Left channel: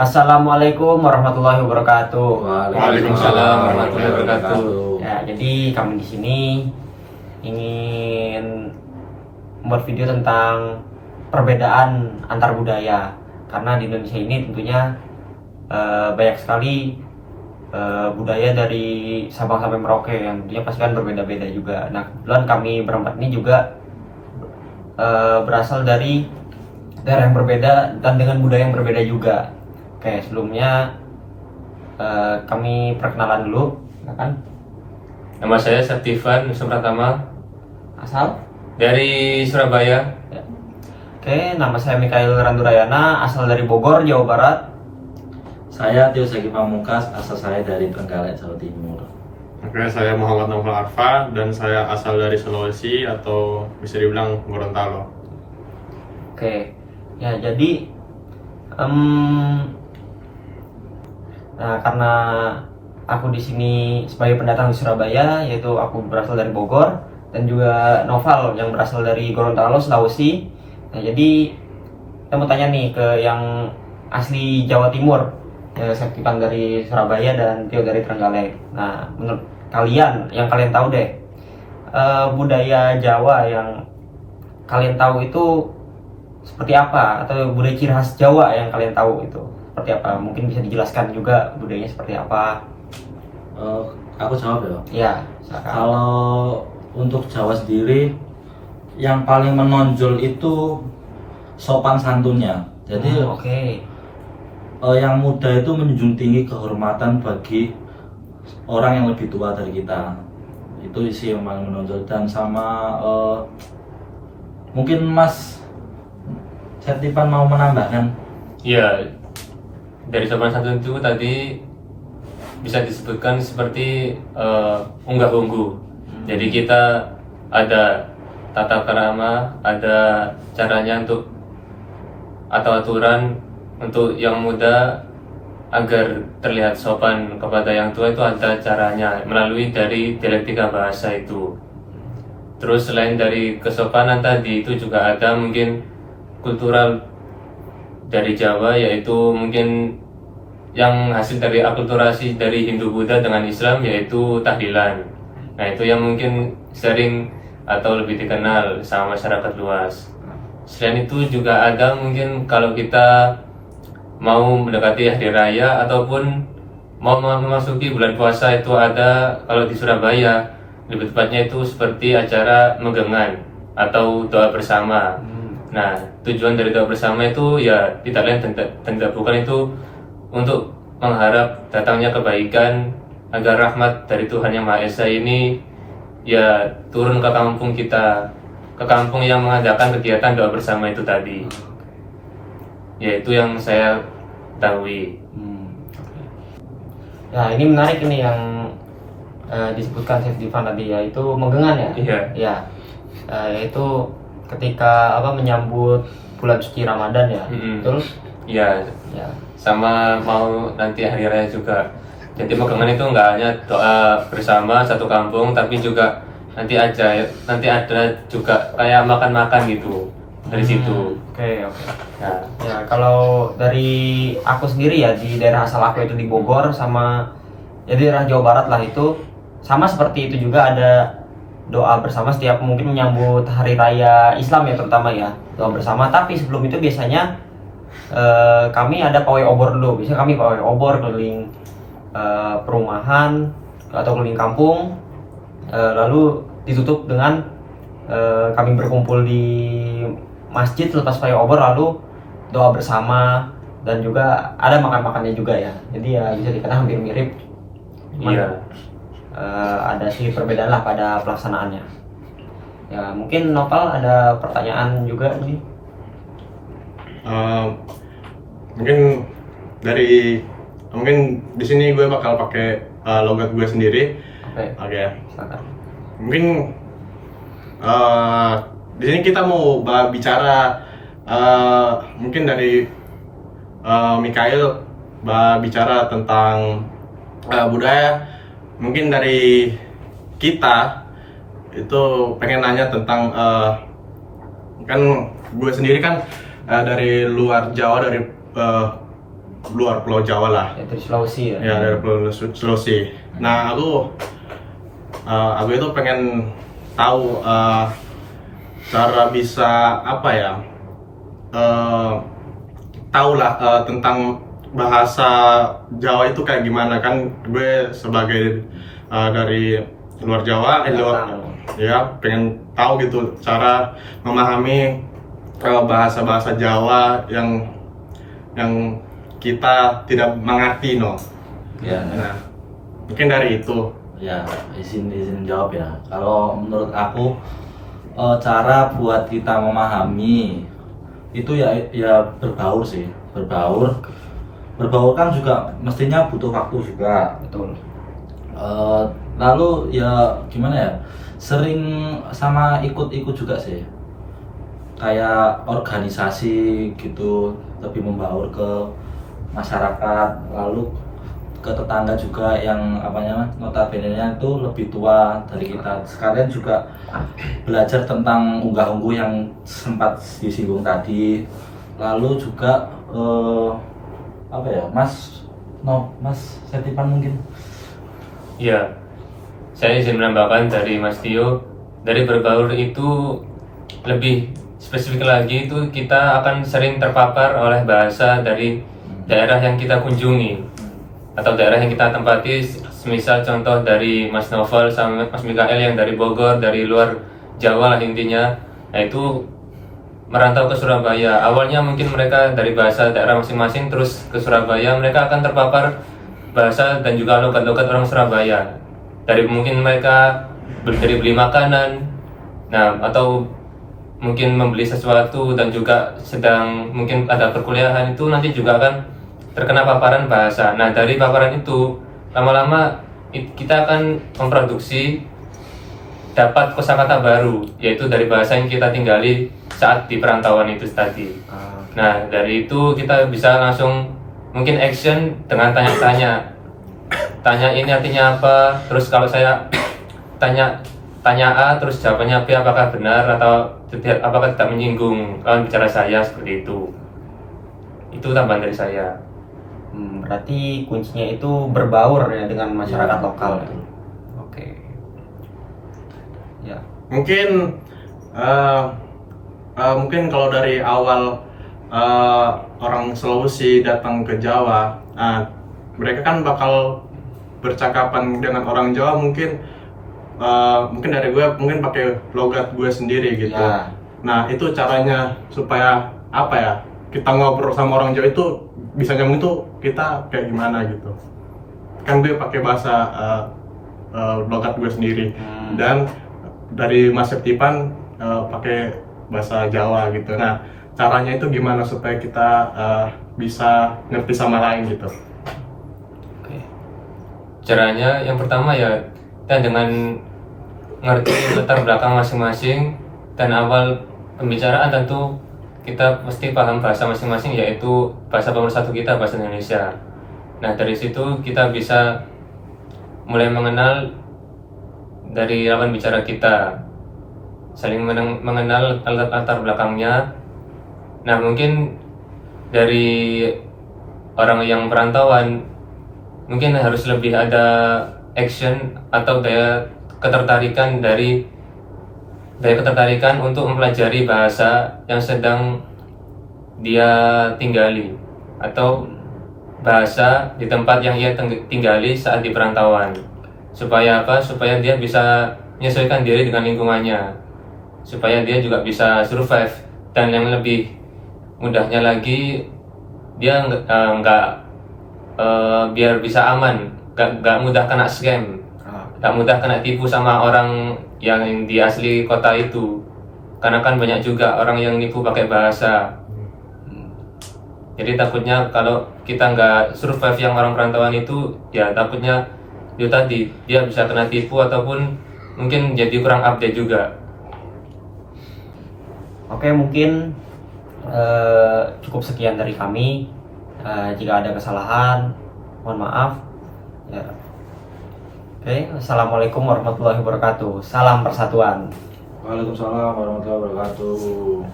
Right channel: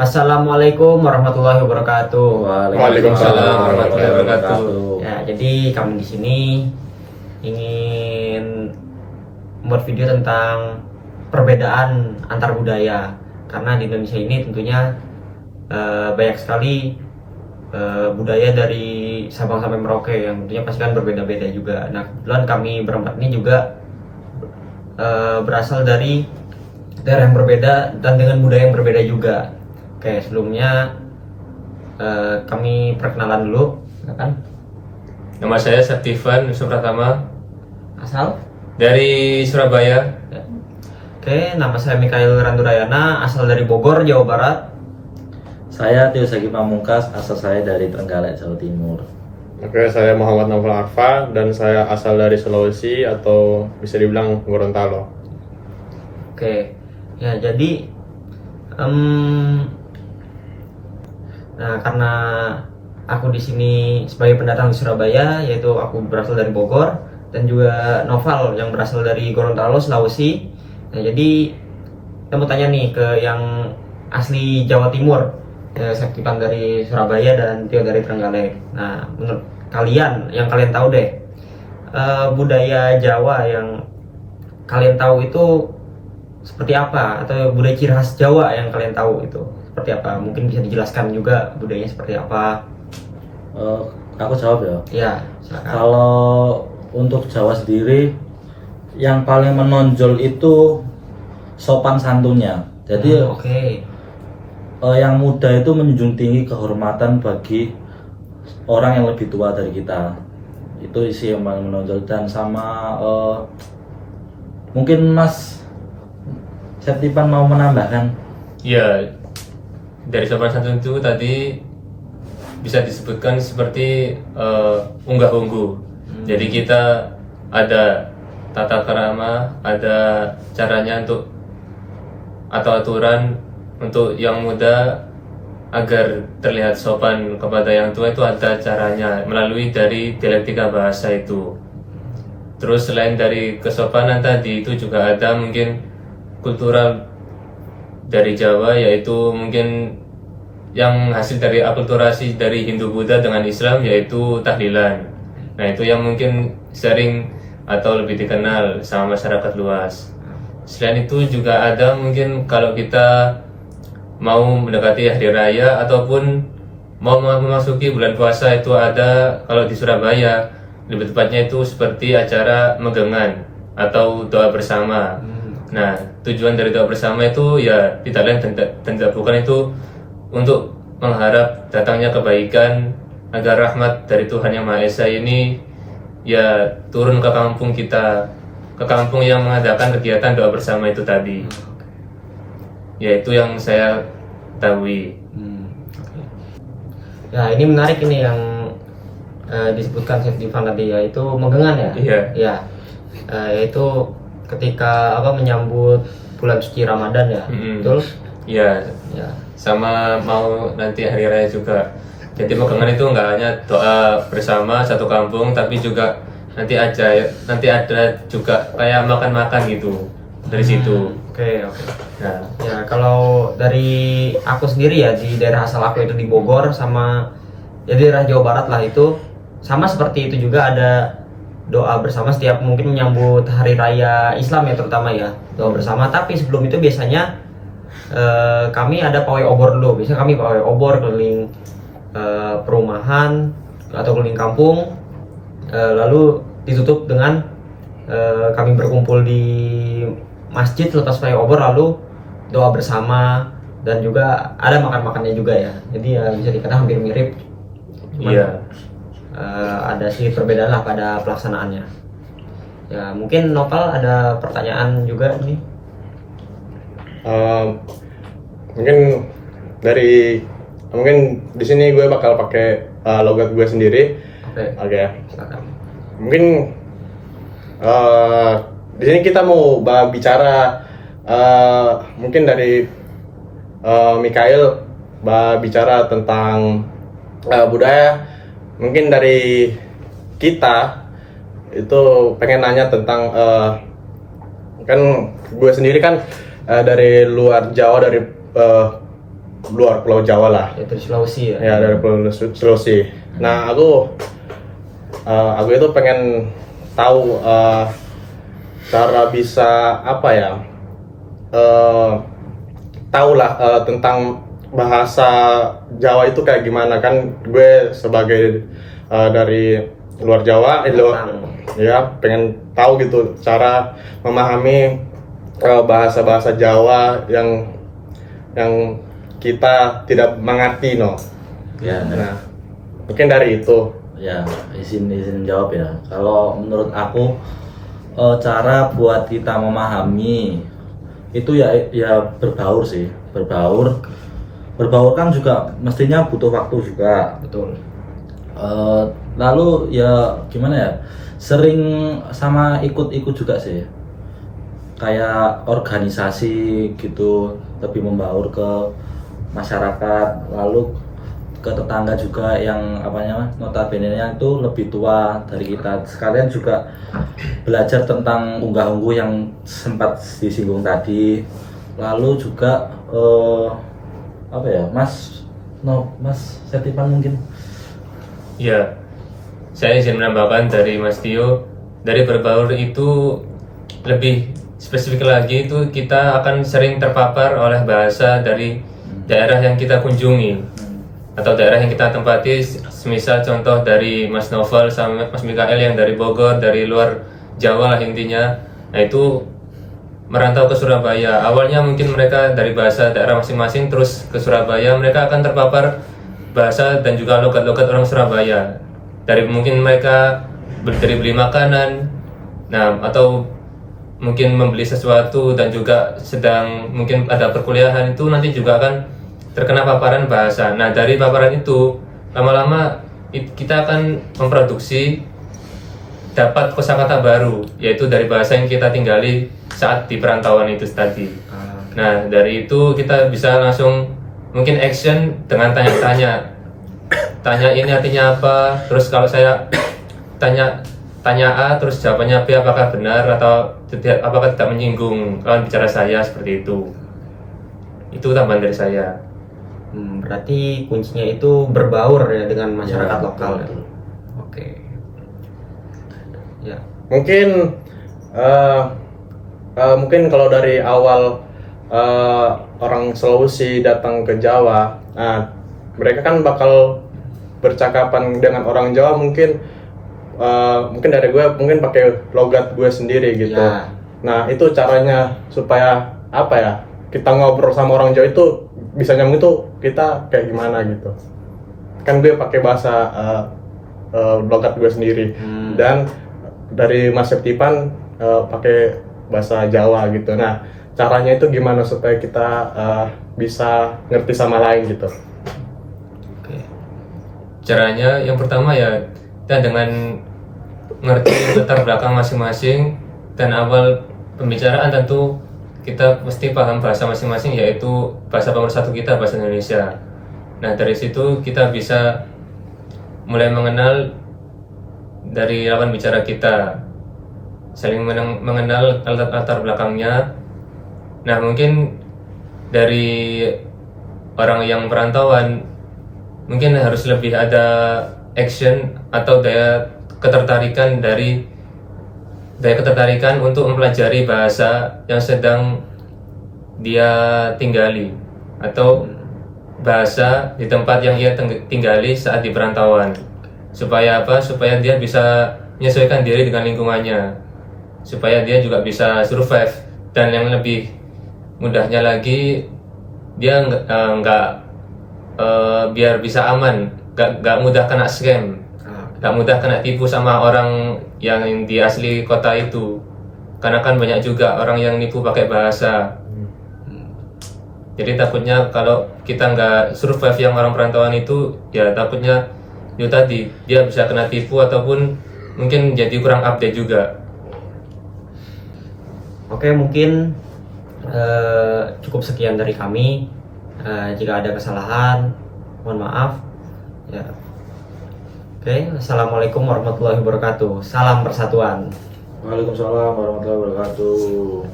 Assalamualaikum warahmatullahi wabarakatuh. Waalaikumsalam warahmatullahi wabarakatuh. Ya, jadi kami di sini ingin membuat video tentang perbedaan antar budaya. Karena di Indonesia ini tentunya banyak sekali budaya dari Sabang sampai Merauke yang tentunya pasti kan berbeda-beda juga. Nah, kebetulan kami berempat ini juga berasal dari daerah yang berbeda dan dengan budaya yang berbeda juga. Oke, sebelumnya kami perkenalan dulu, kan? Nama saya Septivan Supratama Asal? dari Surabaya. Ya. Oke, nama saya Mikael Randurayana, asal dari Bogor, Jawa Barat. Saya Tio Sagi Pamungkas, asal saya dari Trenggalek, Jawa Timur. Oke, saya Muhammad Novel Arfa dan saya asal dari Sulawesi atau bisa dibilang Gorontalo. Oke, ya jadi nah karena aku di sini sebagai pendatang di Surabaya, yaitu aku berasal dari Bogor dan juga Noval yang berasal dari Gorontalo, Sulawesi. Nah jadi kita mau tanya nih ke yang asli Jawa Timur. Ya, Septivan dari Surabaya dan Tio dari Trenggalek. Nah, menurut kalian, yang kalian tahu deh, budaya Jawa yang kalian tahu itu seperti apa? Atau budaya ciri khas Jawa yang kalian tahu itu seperti apa? Mungkin bisa dijelaskan juga budayanya seperti apa? Aku jawab ya. Ya, silakan. Kalau untuk Jawa sendiri, yang paling menonjol itu sopan santunnya. Jadi Oke. yang muda itu menjunjung tinggi kehormatan bagi orang yang lebih tua dari kita. Itu isi yang paling menonjol. Dan sama mungkin Mas Septivan mau menambahkan? Ya, dari sopan santun itu tadi bisa disebutkan seperti unggah-ungguh. Jadi kita ada tata krama, ada caranya untuk atau aturan untuk yang muda agar terlihat sopan kepada yang tua, itu ada caranya melalui dari dialektika bahasa itu. Terus selain dari kesopanan tadi itu juga ada mungkin kultural dari Jawa, yaitu mungkin yang hasil dari akulturasi dari Hindu Buddha dengan Islam, yaitu tahlilan. Nah itu yang mungkin sering atau lebih dikenal sama masyarakat luas. Selain itu juga ada mungkin kalau kita mau mendekati hari raya ataupun mau memasuki bulan puasa, itu ada kalau di Surabaya lebih tepatnya itu seperti acara megengan atau doa bersama. Nah tujuan dari doa bersama itu ya tidak lain dan tidak bukan itu untuk mengharap datangnya kebaikan agar rahmat dari Tuhan Yang Maha Esa ini ya turun ke kampung kita, ke kampung yang mengadakan kegiatan doa bersama itu tadi. Ya itu yang saya ketahui. Oke. Ya ini menarik ini yang disebutkan Septivan tadi, yaitu megengan ya. Iya. Ya, yaitu ketika menyambut bulan suci Ramadan ya. Betul? Ya, Ya. sama mau nanti hari raya juga. Jadi megengan itu nggak hanya doa bersama satu kampung, tapi juga nanti ada juga kayak makan-makan gitu dari situ. Oke. Nah, Ya kalau dari aku sendiri ya, di daerah asal aku itu di Bogor sama ya di daerah Jawa Barat lah, itu sama seperti itu juga, ada doa bersama setiap mungkin menyambut hari raya Islam ya, terutama ya doa bersama. Tapi sebelum itu biasanya kami ada pawai obor dulu. Biasanya kami pawai obor keliling perumahan atau keliling kampung, lalu ditutup dengan kami berkumpul di masjid lepas pawai obor, lalu doa bersama dan juga ada makan-makannya juga ya. Jadi ya bisa dikatakan hampir mirip, cuman iya. ada sedikit perbedaan lah pada pelaksanaannya. Ya mungkin Nopal ada pertanyaan juga ini. Mungkin di sini gue bakal pakai logat gue sendiri. Oke. Silakan. Mungkin di sini kita mau bicara mungkin dari Mikael bicara tentang budaya. Mungkin dari kita itu pengen nanya tentang kan gue sendiri kan dari luar Jawa, dari luar Pulau Jawa lah. Ya dari Sulawesi ya. Ya, dari Pulau Sulawesi. Nah, aku itu pengen tahu cara bisa apa ya? Tahu lah tentang bahasa Jawa itu kayak gimana, kan gue sebagai dari luar Jawa, ya pengen tahu gitu cara memahami bahasa-bahasa Jawa yang kita tidak mengerti, no. Ya, Nah, mungkin dari itu. ya izin jawab ya. Kalau menurut aku cara buat kita memahami itu ya berbaur sih, berbaur kan juga mestinya butuh waktu juga. Betul. Lalu ya gimana ya, sering sama ikut-ikut juga sih, kayak organisasi gitu, lebih membaur ke masyarakat, lalu ke tetangga juga yang notabene-nya itu lebih tua dari kita. Sekalian juga belajar tentang unggah-ungguh yang sempat disinggung tadi. Lalu juga Mas Setipan mungkin. Ya, saya izin menambahkan dari Mas Tio, dari berbaur itu lebih spesifik lagi, itu kita akan sering terpapar oleh bahasa dari daerah yang kita kunjungi atau daerah yang kita tempati. Semisal contoh dari Mas Novel sama Mas Mikael yang dari Bogor, dari luar Jawa lah intinya. Nah, itu merantau ke Surabaya. Awalnya mungkin mereka dari bahasa daerah masing-masing, terus ke Surabaya mereka akan terpapar bahasa dan juga logat-logat orang Surabaya. Dari mungkin mereka beli makanan, nah atau mungkin membeli sesuatu, dan juga sedang mungkin ada perkuliahan, itu nanti juga akan terkena paparan bahasa. Nah, dari paparan itu lama-lama kita akan memproduksi dapat kosakata baru, yaitu dari bahasa yang kita tinggali saat di perantauan itu tadi. Nah, dari itu kita bisa langsung mungkin action dengan tanya-tanya. Tanya ini artinya apa? Terus kalau saya tanya A, terus jawabannya B, apakah benar atau tidak, apakah tidak menyinggung lawan bicara saya, seperti itu. Itu tambahan dari saya. Berarti kuncinya itu berbaur ya dengan masyarakat Ya, lokal ya. betul. Oke. Ya. Mungkin kalau dari awal orang Sulawesi datang ke Jawa, mereka kan bakal bercakapan dengan orang Jawa, mungkin dari gue mungkin pakai logat gue sendiri gitu. Ya. Nah, itu caranya supaya apa ya, kita ngobrol sama orang Jawa itu bisa nyambung, itu kita kayak gimana gitu. Kan gue pakai bahasa logat gue sendiri, dan dari Mas Septipan pakai bahasa Jawa gitu. Nah, caranya itu gimana supaya kita bisa ngerti sama lain gitu. Oke. Caranya yang pertama ya kita dengan ngerti latar belakang masing-masing, dan awal pembicaraan tentu kita pasti paham bahasa masing-masing, yaitu bahasa pemersatu kita, bahasa Indonesia. Nah, dari situ kita bisa mulai mengenal dari lawan bicara kita, saling mengenal latar belakangnya. Nah, mungkin dari orang yang perantauan mungkin harus lebih ada action atau daya ketertarikan untuk mempelajari bahasa yang sedang dia tinggali, atau bahasa di tempat yang ia tinggali saat di perantauan. Supaya apa? Supaya dia bisa menyesuaikan diri dengan lingkungannya, supaya dia juga bisa survive. Dan yang lebih mudahnya lagi, dia biar bisa aman, nggak mudah kena scam, nggak mudah kena tipu sama orang yang di asli kota itu. Karena kan banyak juga orang yang nipu pakai bahasa. Jadi takutnya kalau kita nggak survive yang orang perantauan itu, ya takutnya itu tadi dia bisa kena tipu ataupun mungkin jadi kurang update juga. Oke, mungkin cukup sekian dari kami. Jika ada kesalahan, mohon maaf. Ya. Oke, assalamualaikum warahmatullahi wabarakatuh. Salam persatuan. Waalaikumsalam warahmatullahi wabarakatuh.